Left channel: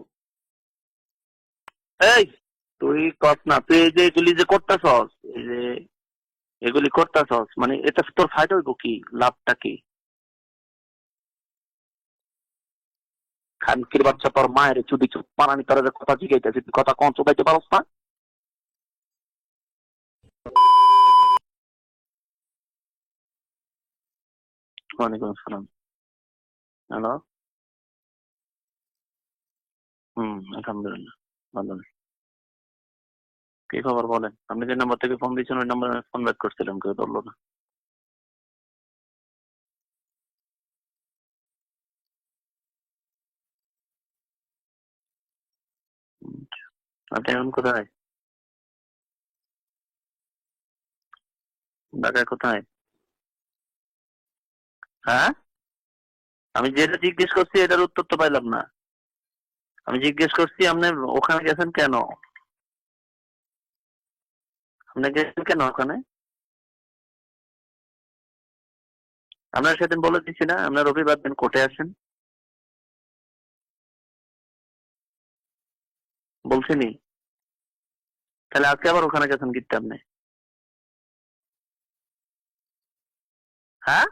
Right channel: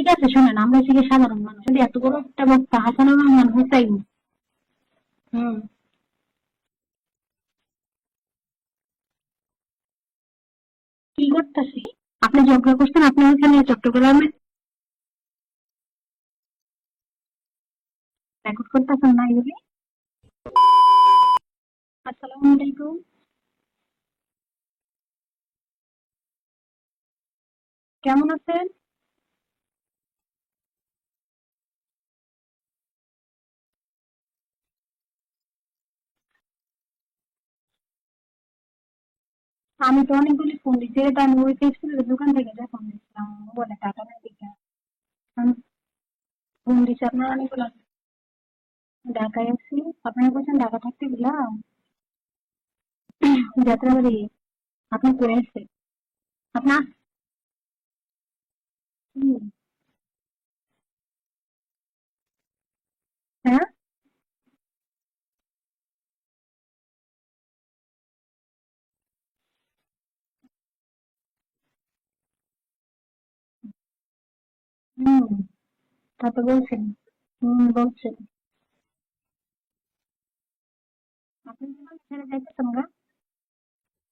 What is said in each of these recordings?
ঠিক আছে শুনেন, আমরা হচ্ছে সাধারণ মানুষ, যদি এত বড় এই একটা বক্তা তুই হাসানুর কর রহমান না, তুই হুসাইন। এই যে এগুলি যে করতেছস, হুম। এগুলি করতেছস, মানে এটা তোর ফায়দা হইব কি, লাভটা কি? কি করতেছি? আপনি ঝগড়া করছেন, আপনি ওখানে খানকির চট্টগ্রামে বাচ্চা, তোর মায়ের চুদি চুপ পানানি, তোর যে কথা জিগাইতেছি, তুই কথা কম চুকাইতে পারস না? রেকর্ড করতেছেন না এগুলি? আসসালামু আলাইকুম। ওয়ালাইকুম আসসালাম। হ্যালো। কেমন আছেন? আলহামদুলিল্লাহ ভালো। কি খবর বলেন? আপনি যে নাম্বার থেকে ফোন দিয়েছেন ওই নাম্বারে ফোন ব্যাক করছিলাম, কেউ ধরলো না। আমি তো অনেকগুলি ফোন দিচ্ছি, এটা আমি ওই টেক্সটাইলের দোকান থেকে যা ফোন দিচ্ছিলাম, ও বলে টাকা না দিতে। আমি ফোন দিচ্ছি আপনি আপনার এখন কোথায়? ঢাকায় আছি। আপনারা বলছেন ঢাকা থাকতে দিলাম। ঢাকায় কোথায়? যাত্রাবাড়ি। আপনি কে হ্যাঁ, আছে? আমি আপনার যেটা জিজ্ঞেস করছি এটার উত্তর তো পাইলাম না। আমি জিজ্ঞেস করছি আপনি ওখানে গেছেন কেন? হ্যাঁ, আপনি গেছেন কেন ওখানে? আপনার সেদিন বলে দিচ্ছি না, আপনার রবিবার দিন কোর্টে আসেন, হুম, তা তো বলছেন। বলছিনি? বলছেন। তাহলে আজকে আবার ওখানে গেছেন কিনতে আপনি? আপনি যখন ছেড়ে যাইতেছেন গা, হ্যাঁ,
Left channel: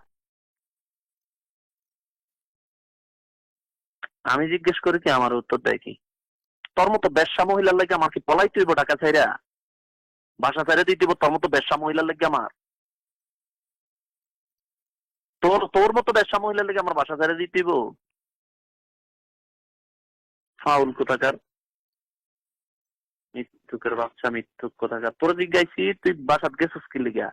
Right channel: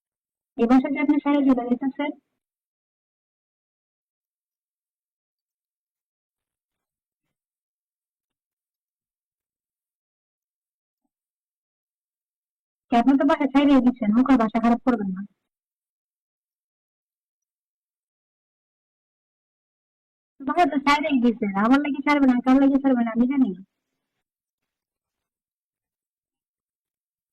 এই বাসা যে আপনি ছেড়ে চলে যেতেছেন। আমি জিজ্ঞেস করি কি, আমার উত্তর দেয় কি? তোর মতো বেশ্যা মহিলার লাগে আমার কি পলাই তুইব ঢাকা ছাইরা? বাসা ছাইরা দিতে হইব তোর মতো বেশ্যা মহিলার লাগে আমার? আপনি তো বাসা ছেড়ে দিচ্ছেন, মুখের বাসা খারাপ করবেন না। তোর তোর মতো বেশ্যা মহিলার লাগে আমার বাসা ছাইরা দিতে হইব? বাসা তো ফাউল ছেড়েই কোথাকার, দিচ্ছেন, আমার লাগে ছাড়বে না, কার লাগে ছাড়বে না আমি জানি। মিথ্যুকের বাচ্চা, মিথ্যুক কোথাকার। তোর জিজ্ঞাসি তুই বাসাত গেছিস কি লিগা?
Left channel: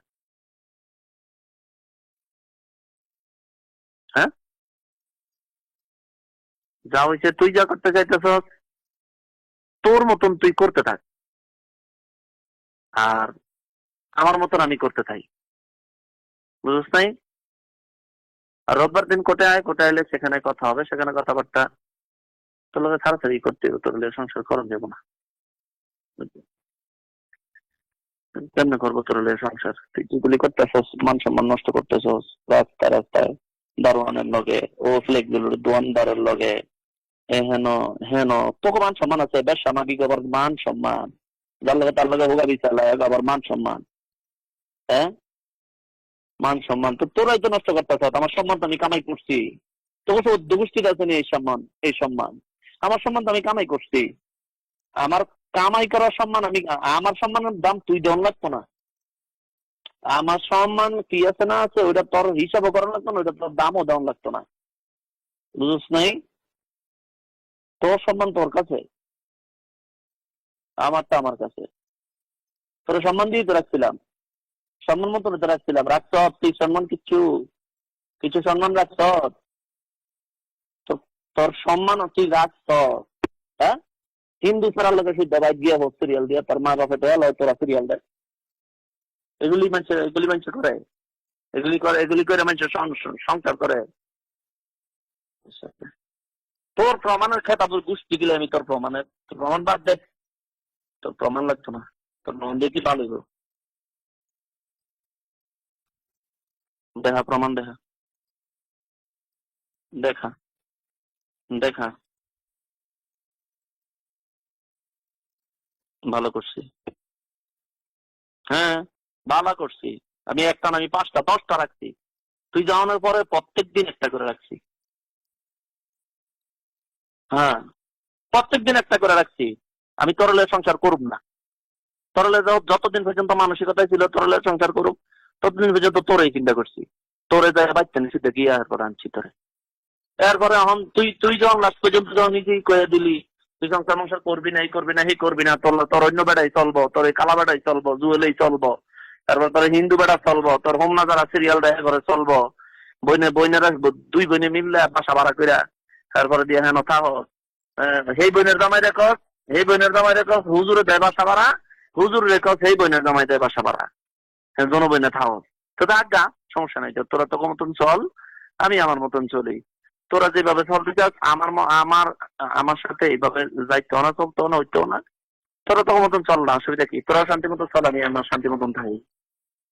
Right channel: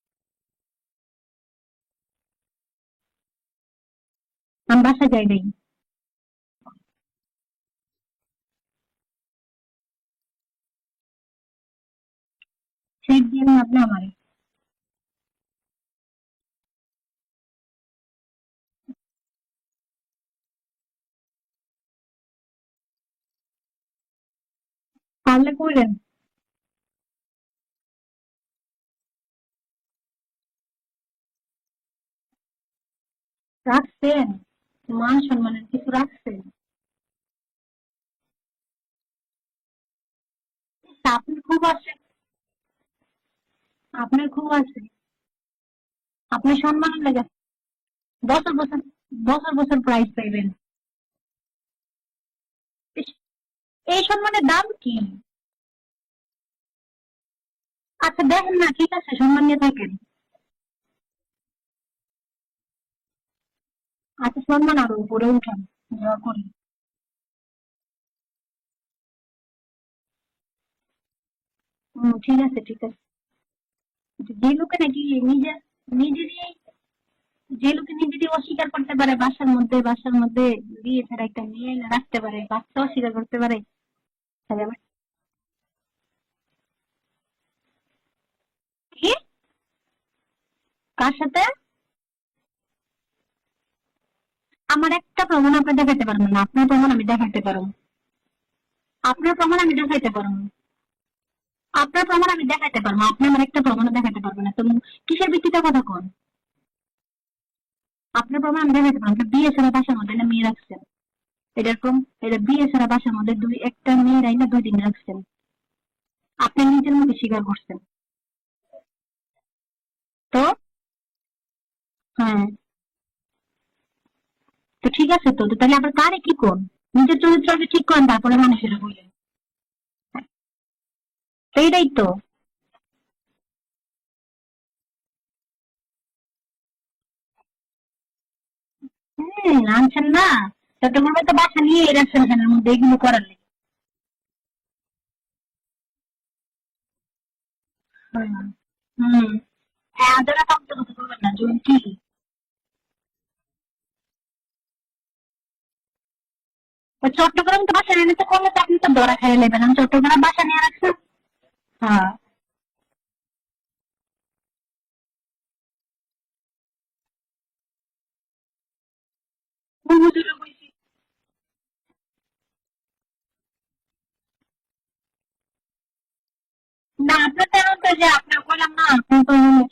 হ্যাঁ, আমি বাসা যাই নাই। যা হয়েছে তুই যা করতে চাইতেছস তোর মতন তুই করতে থাক, আর আপনি আমারে আমার মতন আমি করতে থাকি, বুঝছ নাই? আর রোববার দিন কোর্টে আয়, কোর্টে আইলে সেখানে কথা হবে, সেখানে কথাবার্তা তোর লোকে ছাড়াছাড়ি করতে হবে, তোর লোকে সংসার করা যাবো না। পারলে কইলেন। কেমনে করবো তোর লোকে সংসার? তুই যেগুলি করতেছস, মান সম্মান নষ্ট করতেছস রাস্তায় রাস্তায়, দারোয়ানের রাখছেন লগে, ও মান ফ্লেক্সিবল সম্মানের ঠিক দোয়ানদারের রাখছেন। লগে, এ হেন হেন তোকে মান সম্মান আছে, বেশ সামাজিক আবার মান সম্মান, তা আপনার খুব যার আছে লগে তার তো। লগে হোগা বিচালায় আবার মান সম্মান। আপনার খুব আছে। হ্যাঁ, আপনার মান সম্মান সম্মান তো লাগে। তোরাই তো নষ্ট করতেছ। আমার বছর সম্মান তো আমি বছর কামাই করছি। বছর বছর প্রাইজ তোকে পাইবেন। দুষ্টির আছে এই সম্মান, এই সম্মান আমার সম্মান তো আমি কামাই করছি। এই সম্মানের দাম কি? আমার কামাই করার সম্মান আমি, আমার সম্মানের দাম তুই দেওয়ান আচ্ছা লাগতো দেখেন না। না, ঠিক আছে সম্মান নিয়ে থাকেন। আমার সম্মান কি আছে না আছে ওইটা তোর হিসাবও করা লাগতো না, ওইটা তোর দামও দেওয়ান লাগতো আচ্ছা না, সম্মান আরো উপরে উঠান, বুঝছ নাই? দয়া করে। তোর সম্মান তোর কাছে, আমারটা আমার কাছে। ঠিক আছে ঠিক তোর আছে। সম্মান দিয়ে তো রাখছিলাম, যে লোকে নাকি সম্মান মতো তো নিজে রাখছিলাম। রাখছ নিজে তুই সম্মান কিচ্ছু, যে লোকে নিজে কিছু অস্বীকার সম্মান করতে রাখছ? পারে, বাসার মধ্যে বিয়ে ছাড়া একটা তোর মেয়ে সম্মান রাখতে তুই পারে, রাখছ? বাচ্চা অস্বীকার করতে পারে। হ্যাঁ, হিন্দু ছাড়ার লোকের শুদ্ধ বাইক দিয়ে হোক সিরিয়াল দিয়ে, তোর মা বাপে দেয় তোরা সিরিয়াল দেয়। কি? এগুলি মানুষ করে, কার সাথে? এগুলি করে মানুষ সংসার করে। আমার একটা প্রমাণ আপনি দেখাতে পারবেন না, আপনার প্রমাণ তোর আমি দেখাতে প্রমাণের পারবো। খেতা তোর গোষ্ঠী দিলে আমি তোর প্রমাণের আপনার প্রমাণ প্রমাণ আমি বাদ দে। দেখাতে পারবো। তোর প্রমাণ লাগতো না, আপনার প্রমাণ তোর আমি প্রমাণ দেখাতে দেখতে পারবো, ভালো। আপনি আমার একটা প্রমাণ দেখাতে পারবেন না তো। কিসের ভিত্তিতে কথা কন? দেখা প্রমাণ, দেখা আপনার প্রমাণ আমি দেখাতে পারবো। আপনি বিয়ে ছাড়া বাসার মধ্যে একটা দেখা মেয়ে রাখছেন। দেখা এটা বিয়ে ছাড়া বাসার মধ্যে একটা মেয়ে রাইনা 2 দিন রাখছেন। ভালো করছি। আপনি নিজের মুখে স্বীকার করছেন। হ্যাঁ, ভালো করছি। তো আমি একটা না, আমি 5টা 10টা রাখছি। হ্যাঁ, তুই যাওয়ানোর পরে প্রত্যেক দিন একটা করে রাখছি। তো ঠিক আছে তো। তাহলে আপনার কারে কি কোন? নিজের চরিত্র হ্যাঁ, আগে ঠিক করেন, তারপরে প্রত্যেক মানুষের দিন কোন। একটা করে রাখছি। আমি তরলে সংসার করব না। এইটাই তো। তরলে যতদিন পর্যন্ত মানসিকতায় ছিল তরলে সংসার করুক, ততদিন পর্যন্ত তোরই চিন্তা করছি। তোরে যায় বাচ্চা নিচে দেখি এরপর আনছি তোরে। আনছেন না। তারপরে এখন তুই চট্টগ্রামে তো তুই যখন বাচ্চা লাভ নিয়ে করে রাখছেন, আমি কি করে বেগুনি দিলি, করার নেই। তুই সংসার মংসার করবি না, এই করবি না, এই করবি না, তোর অন্য বেড়াই চলবো, তোর এই কালা বেড়াই চলবো, জুয়েলেই চলবো, তারপর তোর হিন্দু বেড়া চলবো, তোর হোমনা যারা সিরিয়াল দেয় করে চলবো, বইনেরা 2 বোনে মিললে বাসা ভাড়া কইরা তারপরে দিয়ে হেন থাকো। চট্টগ্রামে তো বাচ্চা নিয়ে সেই বোনের জামাই রেখো, ধরা খেয়ে নেবেন। এই বোনের জামাই চট্টগ্রাম রেখো, বাচ্চা নিয়ে হুজুরে রাখছেন। দেয় বাসা ভাড়া, হ্যাঁ, হুজুর রেখো, সেই বোনের জামাই দেয় বাসা ভাড়া, জন বইনে থাকো। তো আজ্ঞা সমস্যা নাই, তোরা তোর মতন চল, আমি আমার মতন চলি। তোরা যেভাবে চলতে চাস আমার সাথে এইভাবে যাইতে না, চলতে না, হইতেও না। তোরা তোর মতন চল না, অসুবিধা কি? তোরা শান্তি মতন চল, আমি আমার শান্তি মতন থাকি,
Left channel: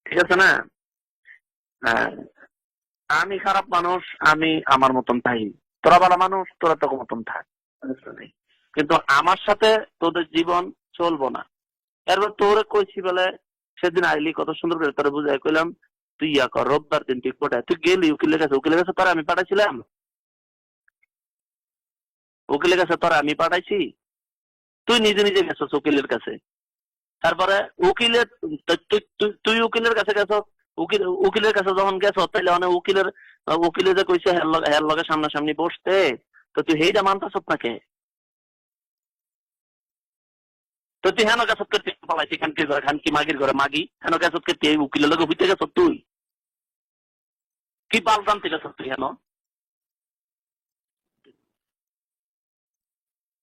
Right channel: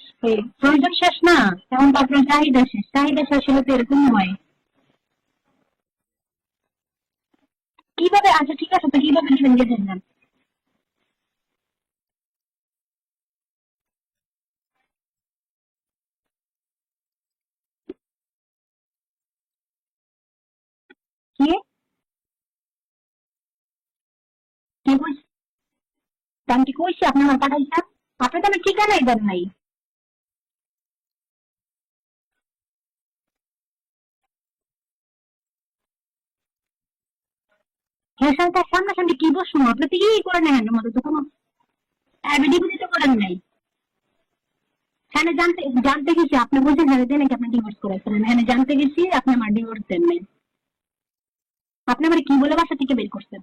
ঠিক আছে না? প্রয়োজন শেষ না, এখন তো হ্যাঁ, আপনার চাহিদা শেষ। চাহিদা আমি শেষ হলে খারাপ তো মানুষ, এরকম হয়। আমি আমার মতন থাকি। তোরা ভালো মানুষ, তোরা তোর মতন থাক। কিভাবে? আচ্ছা ঠিক আছে, কিন্তু তো কিভাবে আমার ভেঙে সাথে ফেললেন? তোদের জীবন চলবো না। এরপর তোরে কইছি বলে সেদিন আইলি কত সুন্দর করে তোরে বুঝাই কইলাম তুই ইয়া কর রোববার দিন তুই কোটায় তুই গেলি উকিলের কাছে তোরা আমি পাঠাইছিলাম, কি? উকিলের কাছে তোরা আমি পাঠাইছি, তুই নিজে নিজে গেছস উকিলের কাছে। আমি কি কইছি আপনি আমার তারপরে টাকা দিতেন? উকিলের আপনি তো আমার ঠিকানাই দেন নাই। তুই উকিলের কাছে গেছ, উকিলের কাছে যখন গেছ তাইলে অনেক উকিলে যে কইছে হের লগে সামনাসামনি বসতে, তো তুই হেইটা মানতাছ নাকি? হ্যাঁ স্যার, তার সামনাসামনি কি বসবো? আপনি তো ই করে নেন মতো তো তুই হেন গেছ করতে পালাইছিস হ্যাঁ, খানকি ডিভোর্স খানকি করে মাগির ঘরে মাগি হেন গেছ করতে এই উকিলের লগে হ্যাঁ, বুঝতে গেছ তুই জানতে গেছি আপনি বলছেন হ্যাঁ দেন নাকি আপনি ডিভোর্স কি করেছেন। বাপ হ্যাঁ, জানতে জানতে গেছি গেছ আপনি আমার ডিভোর্স দেন নাই। আপনি আমার কি বলে বাসা থেকে বের করছেন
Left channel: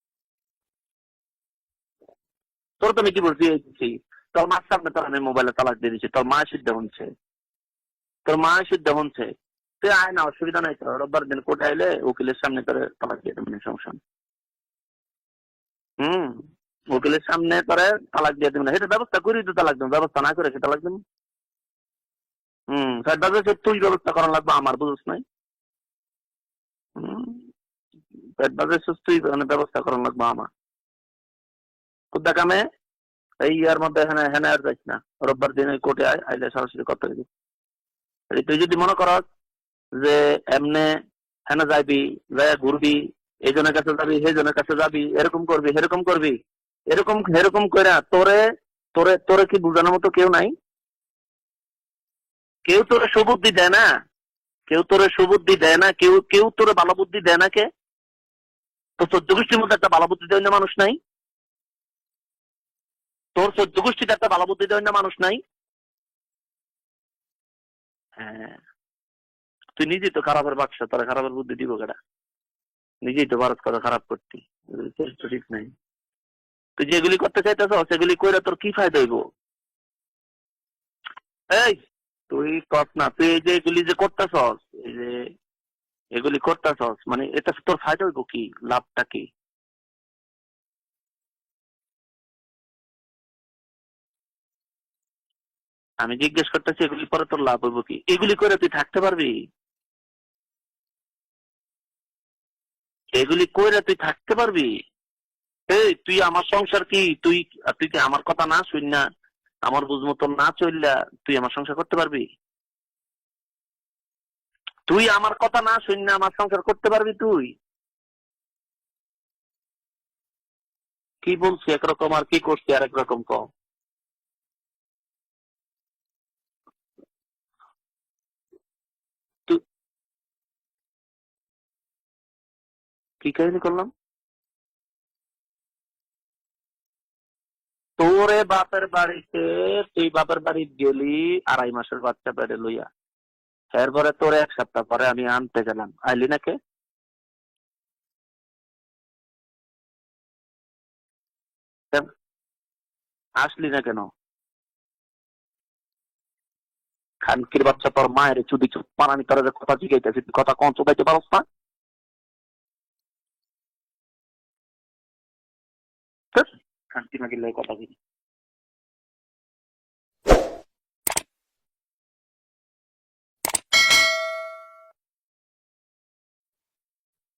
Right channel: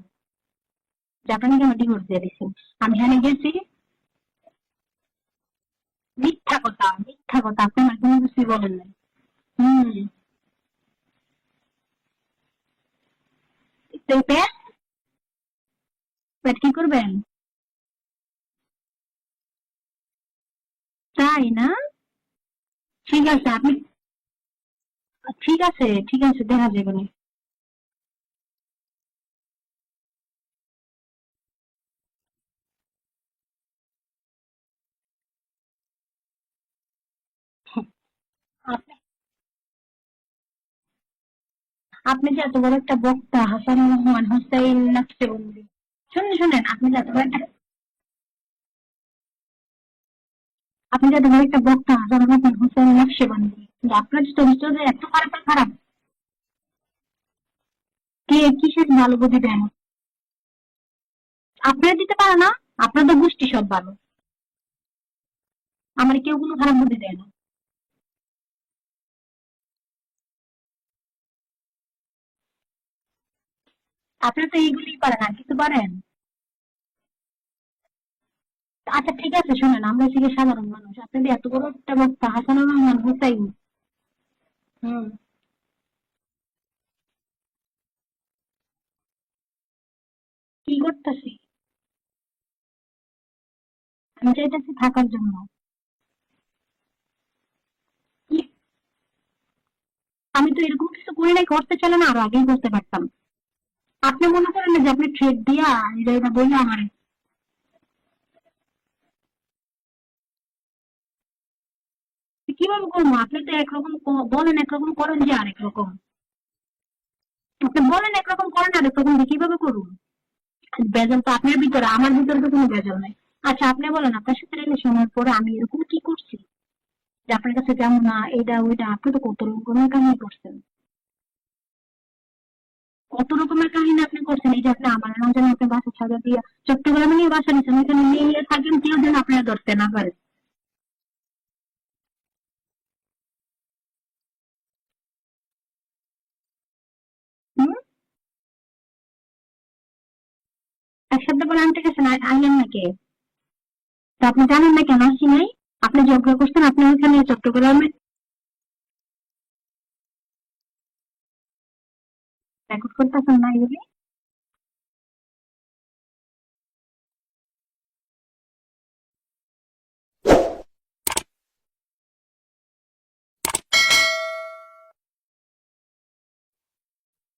যে আপনি নাকি আমার ডিভোর্স দিয়ে দিচ্ছেন? তোর তো কি বলছি থেকে তোর মার সামনে তোর আমি মোবাইলে তালাক দিয়ে দিচ্ছি, তোর মা সিদ্ধ হচ্ছে, মিথ্যা কথা আপনি আমার কোনো তোর কিছু মা বলেন সিদ্ধ না। হচ্ছে, হুম। তুই আয় না অসুবিধা নাই, তোর রোববার দিন কোর্টে আইলে উকিলের সামনে তোর তালাক দিয়ে দেবেন সমস্যা নেই। তো পেট হুম, পেট কি করবেন? উকিলের সামনে তোরে তালাক দিয়ে দেবেন, এটা ব্যবস্থা করি তো তালাক দেবেন, ব্যবস্থা না করে সে তালাক দেবেন। তাই না? হুম, ঠিক আছে, তাহলে তুই ব্যবস্থা করা লাগবে আমার, বুঝছ নাই? ঠিক আছে দেখা যাবে না। পেট বাজে তুই মানে ব্যবস্থা করা লাগবে আমার। কুদ্দা কামে এই ইয়ার মধ্যে এখানে এখানে আর যাইস না, রোববার দিন ওই কোর্টে আয়, আইলে সরাসরি কথা দিবি। তুই যদি মনে করস যে এমনে হেনা যাইবি আপনি যে এত বড় ঘুরবি একটা বক্তা, এই জনের কাছে যাবি সেই জনের কাছে যাবি হাসান এরকম করবি সেরকম করবি শুনেন, আপনি যে এত এরকম বড় একটা- এরকম করে তোরে তোরে তোরে কি বোঝানোর মতো কেউ নাই? আপনি যে এত বড় একটা বক্তা, কেউ তোরে সুবুদ্ধি দেয় না, আপনার চরিত্র কেউ যে তোরে এত সুবুদ্ধি খারাপ। দেয় না, কেউ তোরে ভালো বুদ্ধি দেয় না। কে কে কিসের ভালো তোর বুদ্ধি গোষ্ঠীর দেন? মধ্যে একটা ভালো বুদ্ধি দেয় না মানুষ নাই? আপনারা দিতে পারে না? আপনার তো গোষ্ঠী তোর সবাই। গোষ্ঠীতে একটা ভালো বুদ্ধি দেয় না মানুষ নাই? আমার কেউ কোনো খারাপ বুদ্ধি দেয় না। হ্যাঁ, তুই নিজেই তো খারাপের বাক্স, তোরা খারাপের বুদ্ধি দিব কেডা? নিজেই তো ভারত করে খারাপ করছিস। আপনারা তো এইগুলি পারেন, আর কিছু পারেন? তুই যেগুলি করতে চাইতেছ সেগুলি কইরা তোর কি ফায়দা আচ্ছা হইব? ঠিক আছে, শুনেন, আমরা হচ্ছে গিয়ে সাধারণ মানুষ, আপনাদের এত বড় এই একটা বক্তা তুই হাসানুর কর রহমান না, তুই হুসাইন এই যে এগুলি যে করতেছস, হুম। এগুলি করতেছস মানে এটা তোর ফায়দা হইব কি, লাভটা কি? কি করতেছি? আমি চাইতেছি থাকার জন্য। আমি জিজ্ঞেস করতেছি এগুলি পরে তোর লাভ হইব কি? এগুলি করে তুই থাকতে পারবি? আমি তো এরকম কিছু করি নাই, করতে চাইলে না আরো আগেই করতে পারতাম। এগুলি কইরা তুই আপনি থাকতে মনে পারবি? করেন না যে আপনি ট্রেড দিয়া এই আমি তুই এটা আমার বললাম সংসার কি তুই কি আমার কথা না শুন না, আমার বুঝ মতো না চললা তুই আমার সংসার করতে পারবি? কিভাবে করবো? আপনি তো একরকম বলেন একরকম তুই করেন আমার যে আরেক কথা না রকম। শুন না আমার সংসার করতে পারবি তুই? আপনি বলেন একরকম করেন আরেক রকম, কিভাবে করুন? বেজাল তো কি আপনার বলছি ভিতরে, একরকম আমার আর কি ভিতরে তো কোনো করছি আর বেজাল নাই। একরকম কম? আচ্ছা আপনি বলেন, আপনার সাথে রিলেশন হওয়ার পরে আমি এরকম কি করছি যে আপনার কাছে যেমন না এটা ওইটা? আপনি তো কত রকমের কাহিনী করছেন, কত কি রকমের করলাম? কাহিনী আপনি করছেন। এই যে আপনি আমার নাম জানি আপনি বাসা ছাড়া দিয়ে চট্টগ্রামে নিয়ে বাসা নিচ্ছেন, ওইখানে তোরে নিয়ে থাকেন, বাপের কেউ যেন বাড়িতে আপনার ধরতে না তুই পারে। বাপের বাড়ি গেলি 2.5 মাসের বাচ্চা পেটে লইয়া, এরপরে তোরে 1 সপ্তাহ পরে আমি আনতে গেলাম, আইলি না কে? হুম? এক সপ্তাহ পরে আনতে গেছেন, আইলেন নাকি? আসলি না কেন? তা আপনি জানেন না কেন আসি নাই? আপনি ঝগড়া করছেন, আপনি ওইখানে খানকির চট্টগ্রামে বাচ্চা তোর মায়ের চুদি চুপ পানানি তোরা যে কথা জিগাইতেছি তুই কথা কম চুকাইতে পারস না? রেকর্ড করতেছেন না এগুলি? খানকি মাগির লগে কথা বলি।